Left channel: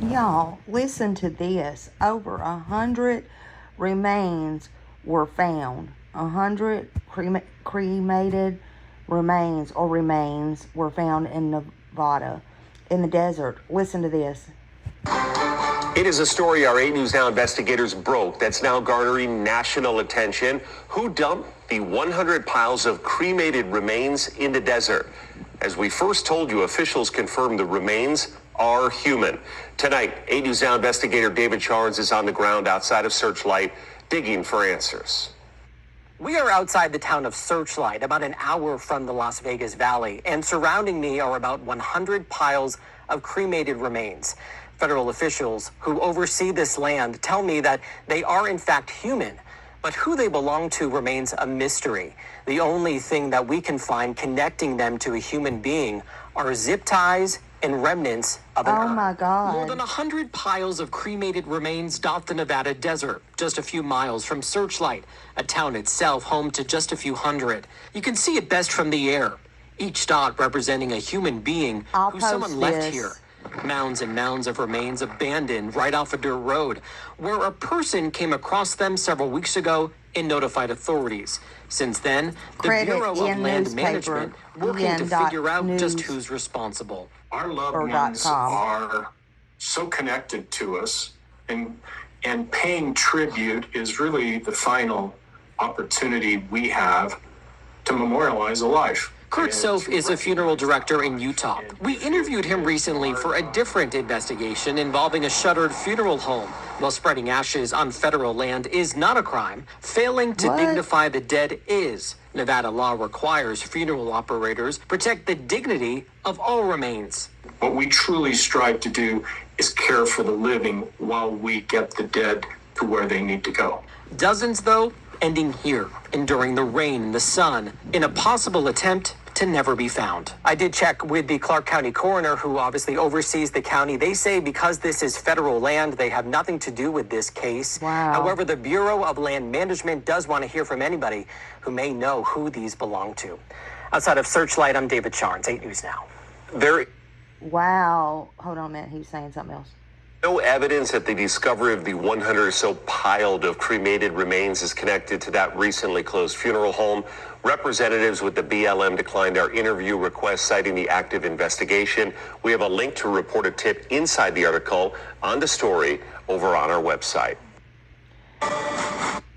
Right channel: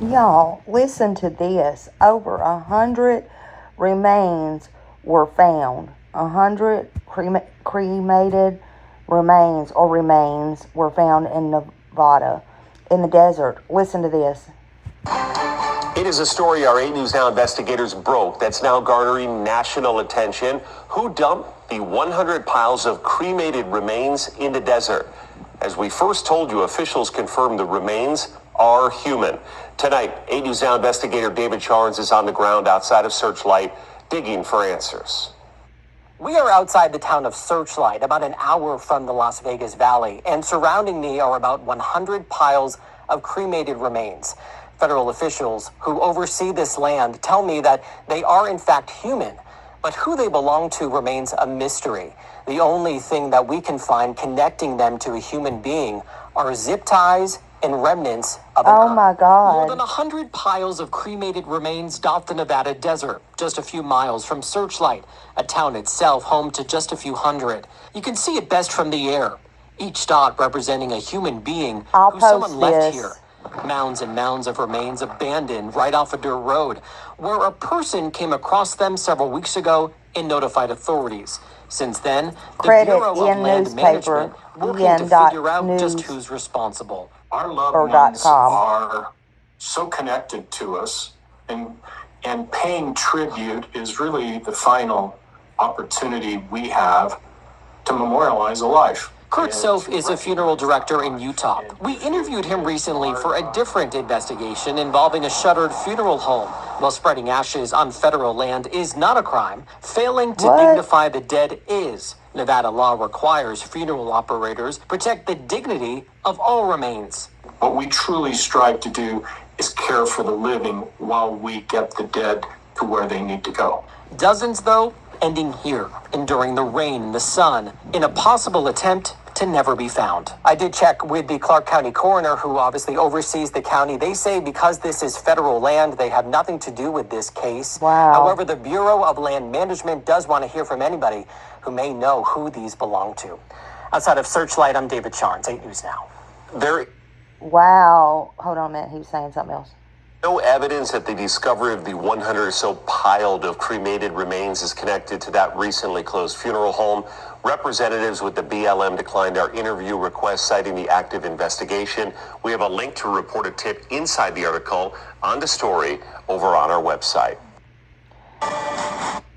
Y'all, listen to this. Over 100 remains were found. 100 cremated remains were found in Nevada, in the desert. Listen to this. It is a story our 8 News Now investigators broke that's now garnering national attention. Who dumped the 100 piles of cremated remains in the desert? As we first told you, officials confirmed the remains are human. Tonight, 8 News Now investigator David Charnes is on the ground outside of Searchlight, digging for answers. We are outside the town of Searchlight, about an hour from the Las Vegas Valley, and surrounding me are about 100 piles of cremated remains. Federal officials who oversee this land tell me that they are in fact human, but who they belong to remains a mystery. The only thing that we can find connecting them to a human being are zip ties and remnants of an urn. My God. More than 100 piles of cremated remains dot the Nevada desert, just a few miles from Searchlight, a town itself home to just a few hundred. You can see it best from the air, each dot representing a human being who someone left here. Mounds and mounds of remains abandoned right off a dirt road, where a person came across them several weeks ago and notified authorities. Since then, the Bureau of Land Management working to figure out just who's responsible. Our loved ones are so connected to us, and paying tribute is really the final opportunity we have to memorialize a life. Kurt Soph is a funeral director in Utah. We interviewed him recently for a different investigation involving a shuttered funeral home. While spreading ashes on federal land is not a crime, failing to dignify the dead is. Nevada law requires funeral operators protect the dignity of all remains. What we truly strive to do is care for the living while we get the dead to where they need to go. Dozens, though, ending here, enduring the rain and the sun, in a possible attempt to never be found. I did check with the Clark County coroner, who obviously oversees the county. They say because this is federal land, they have nothing to do with this case. Wow. However, the Bureau of Land Management does want to hear from anybody who may know who these belong to. Outside of Searchlight, I'm David Charnes, 8 News Now. Wow. Hold on a minute. He was saying something else. No evidence that the discovery of the 100 or so piled of cremated remains is connected to that recently closed funeral home. Representatives with the BLM declined our interview request, citing the active investigation. We have a link to a reported tip inside the article on the story over on our website.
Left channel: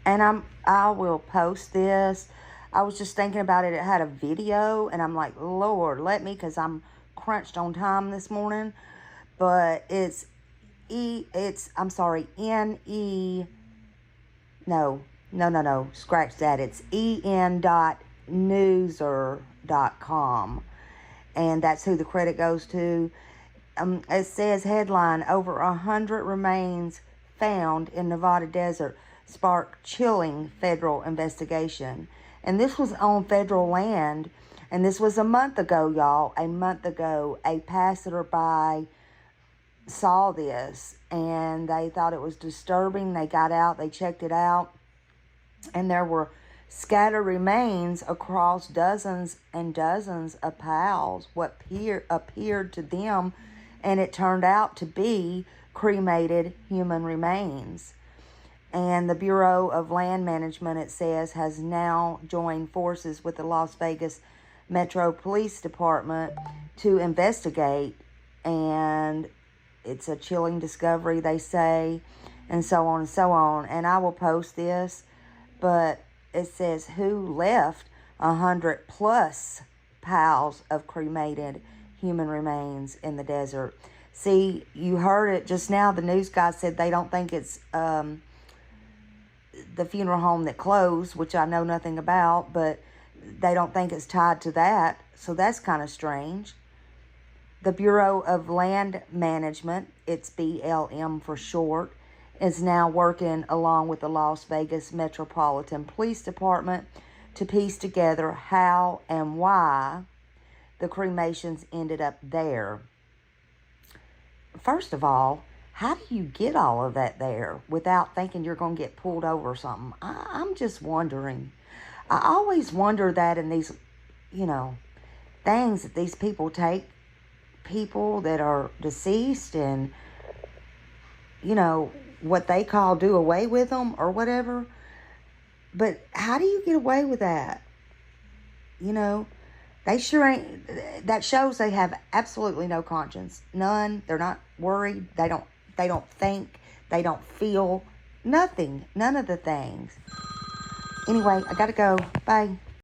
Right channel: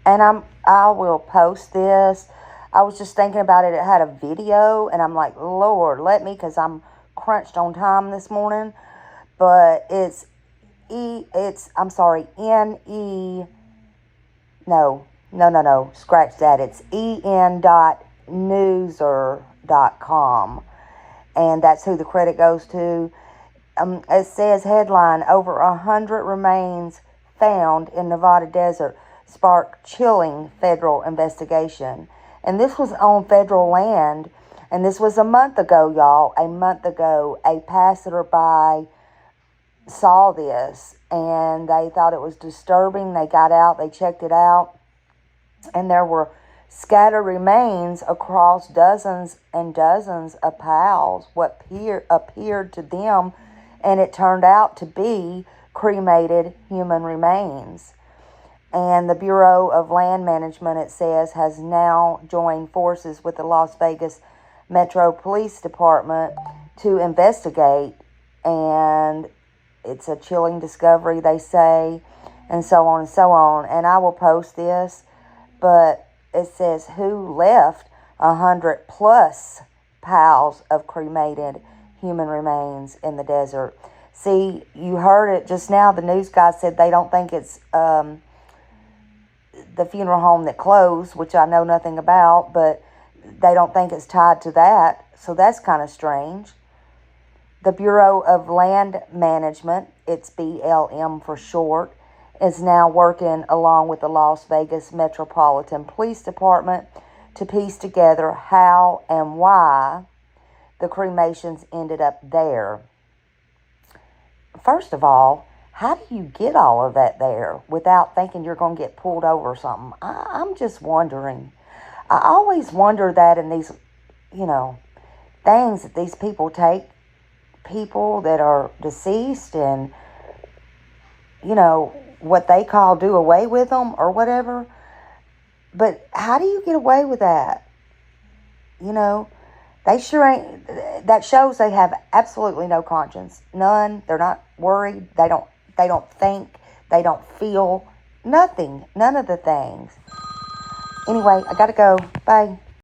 And I will post this. I was just thinking about it. It had a video, and I'm like, Lord, let me, because I'm crunched on time this morning. But it's scratch that. It's en.newser.com. And that's who the credit goes to. It says headline, over 100 remains found in Nevada desert spark chilling federal investigation. And this was on federal land. And this was a month ago, y'all. A month ago, a passerby saw this and they thought it was disturbing. They got out, they checked it out, and there were scattered remains across dozens and dozens of piles, what appeared to them, and it turned out to be cremated human remains. And the Bureau of Land Management, it says, has now joined forces with the Las Vegas Metro Police Department to investigate, and it's a chilling discovery, they say, and so on and so on. And I will post this, but it says who left 100 plus piles of cremated human remains in the desert. See, you heard it just now. The news guy said they don't think it's the funeral home that closed, which I know nothing about, but they don't think it's tied to that. So that's kind of strange. The Bureau of Land Management, it's BLM for short, is now working along with the Las Vegas Metropolitan Police Department to piece together how and why the cremations ended up there. First of all, how do you get all of that there without thinking you're going to get pulled over or something? I'm just wondering. I always wonder that in these, things that these people take, people that are deceased, and what they call do away with them or whatever. But how do you get away with that? They sure ain't. That shows they have absolutely no conscience. None. They're not worried. They don't think. They don't feel nothing. None of the things. Anyway, I gotta go. Bye.